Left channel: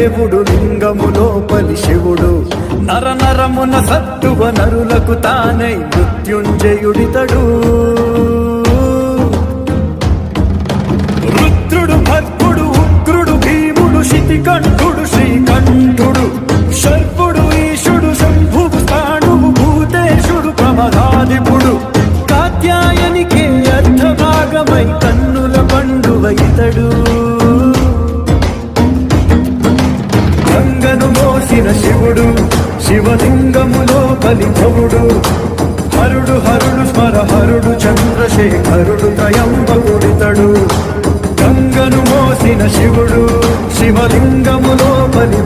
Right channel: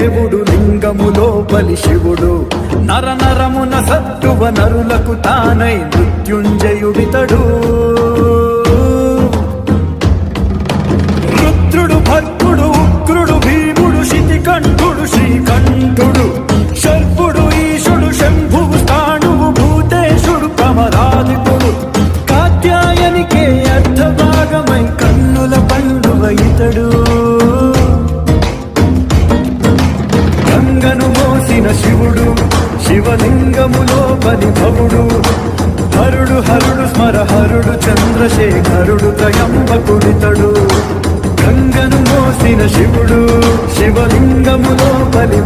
దేవుడు లింగములో బలి శివుడు నర నరమున సత్తువ నరులకు తానై మృత్యుంజయుడితడు రుద్రుడు భద్రుడు ఉగ్రుడు భీముడు శితికంఠుడు శ్రీకంఠుడు శర్పుడు ఈశుడు శంభువు స్థాణువు భూతేశుడు కమలాలిపుడు కాత్యాయనికే అర్ధభాగమై కన్నుల పండువ ఇతడు శివుడు శివలింగములో పరిభవుడు హరుడు హరుడు స్మర హరుడు చంద్రశేఖరుడు త్రయంబకుడితడు గంగను మోసిన శివుడు శివలింగములో బలి